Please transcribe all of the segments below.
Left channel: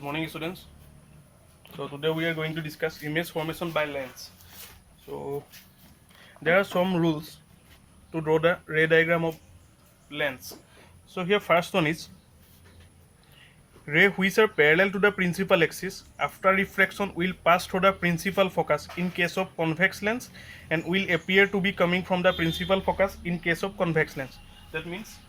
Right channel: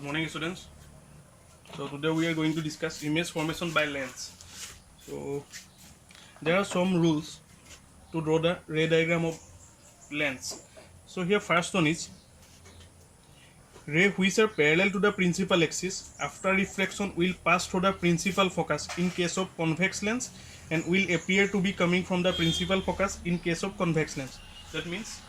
Good morning, students. So today we are going to discuss image formation by lens. So there are some rules to draw the ray diagram of lens. So here first one is ray which are parallel to the principal axis after refraction will pass through the principal focus in case of convex lens and will appear to be coming from the principal focus in case of convex lens. That means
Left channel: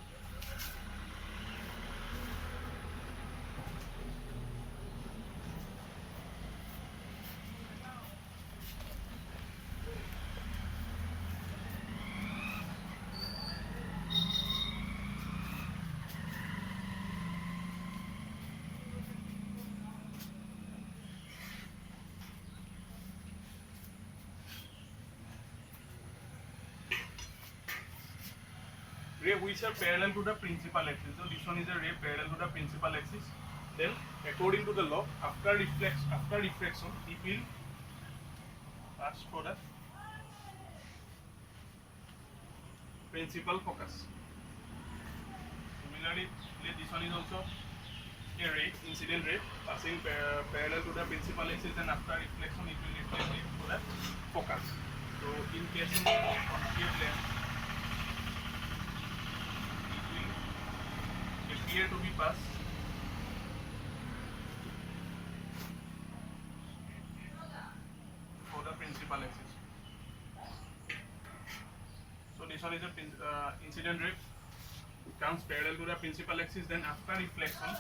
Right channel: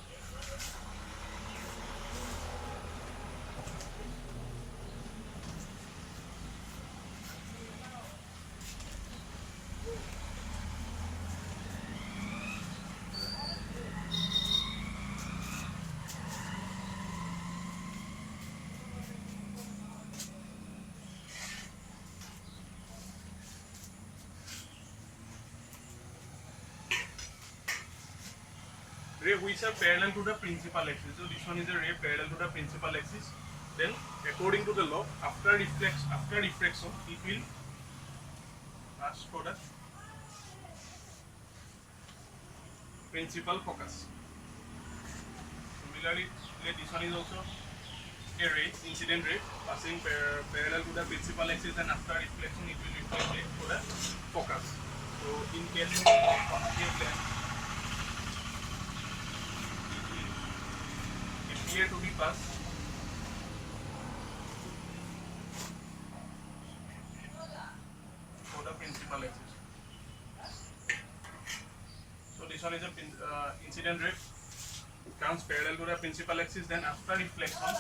ray which are parallel to the principal axis. So this one is a ray parallel to the principal axis. Then according to the law, after reflection, it will pass through the principal focus. Similarly, this one is also a ray, incident ray, passing parallel to the principal axis, and after reflection, it will reflect it to the focus. So in case of concave lens, it will appear to be passed for the principal axis. So this one is a incident ray, comes parallel to the principal axis, then after reflection,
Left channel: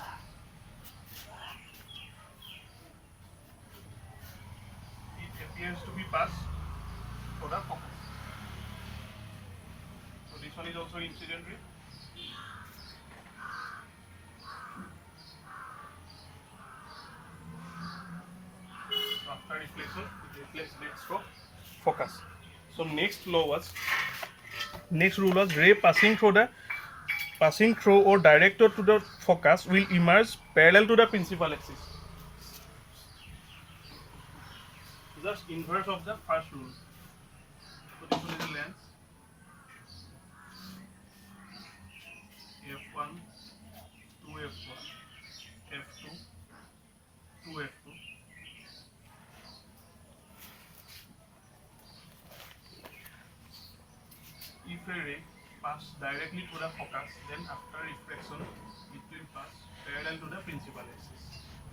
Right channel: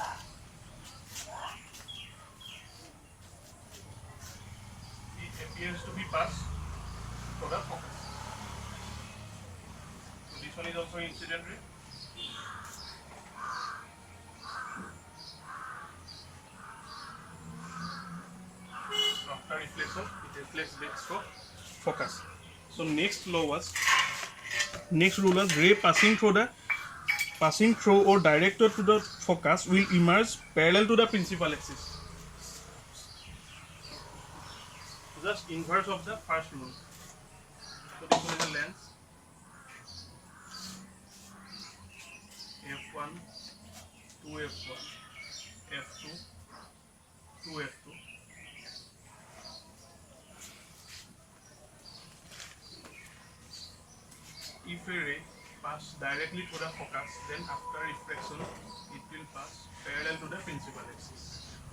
it appears to be passed for the focus. So this one is also incident ray. After reflection, it reflects back to focus. So next rule was ray passing through or directed to the focus will emerge parallel to the principal axis. Just inverse of the first rule. So this one is a lens f1, 2f1, f2, 2f2. If a ray pass directly to the focus, then after reflection, it will pass parallel to the principal axis.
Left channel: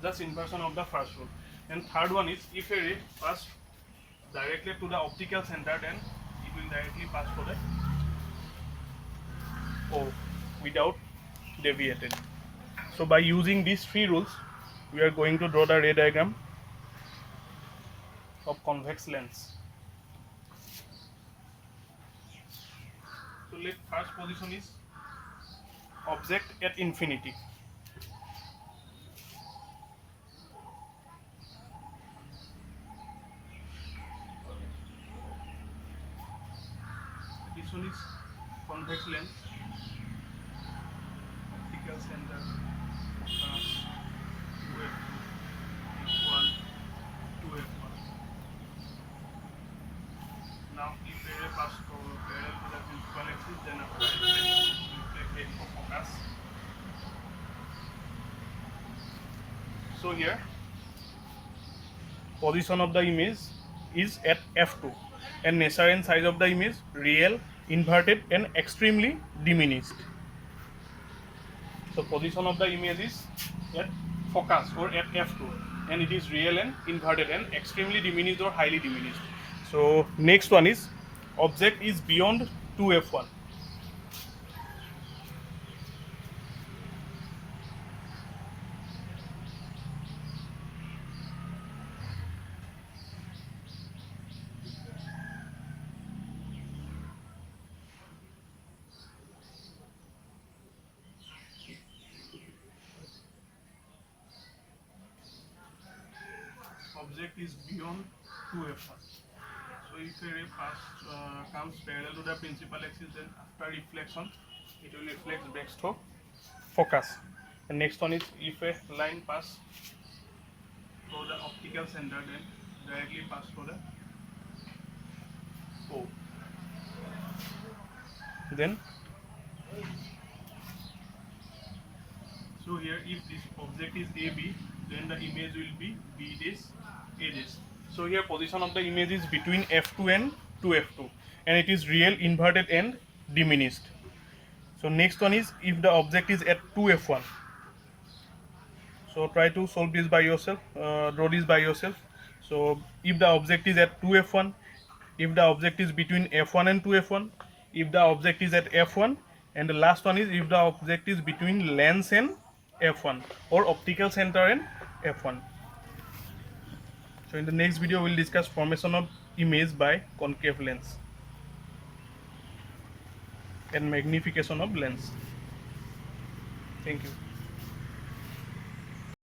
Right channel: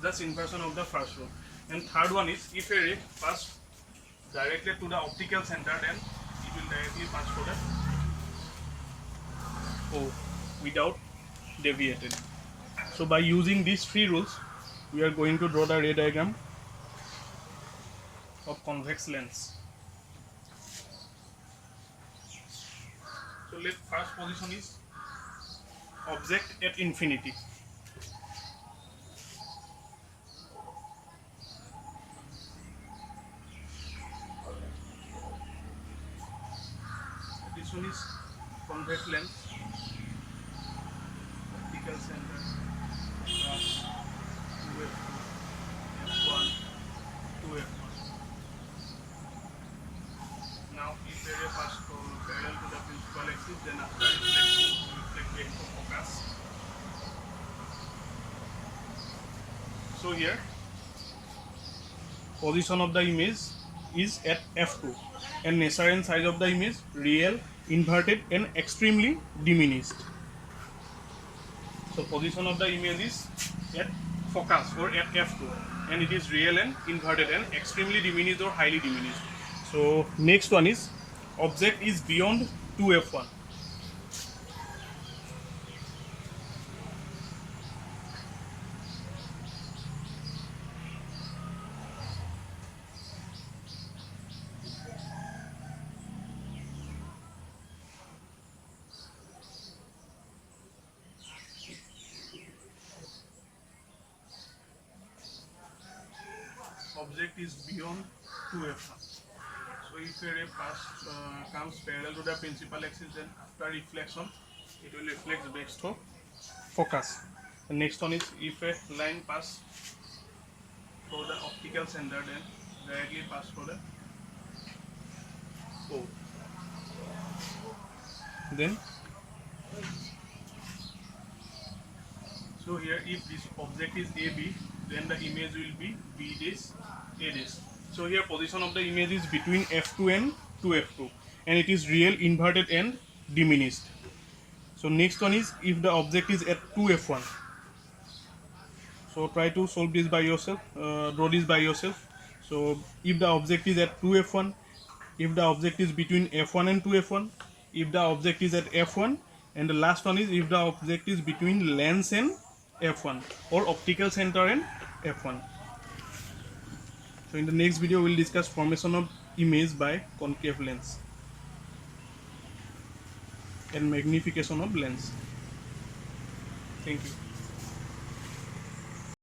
That's inversion of the first rule. And third one is if a ray pass directly to the optical center, then it will directly pass to the O without deviating. So by using these three rules, we are going to draw the ray diagram of convex lens. So let first position is object at infinity. This one is convex lens, optical center, focus, 2f2, f1, 2f1. Now if a ray pass parallel to the principal axis, then after reflection, reflect back to focus. So here, position of the image is at f2, and nature and size of the image real, inverted, and extremely diminished. So position of the image is at focus or at f2, and it is real and inverted and extremely diminished or highly diminished. So next one is object is beyond 2f1. Object is beyond 2f1. So if a ray comes parallel to the principal axis, then after reflection, it will reflect back to focus. And next one is if a line pass through the optical center, then directly pass through the O. Then So here, if this object is AB, then the image will be B this, A this. So here position of the image is between F2 and 2F2, and it is real, inverted and diminished. So next one is if the object is at 2F1. So try to solve this by yourself, draw this by yourself. So if the object is at 2F1, if the object is between F1 and 2F1, if the object is at F1, and the last one is if the object is between lens and F1 or optical center and F1. So in the next video we will discuss formation of image by concave lens and magnification of lens. Thank you.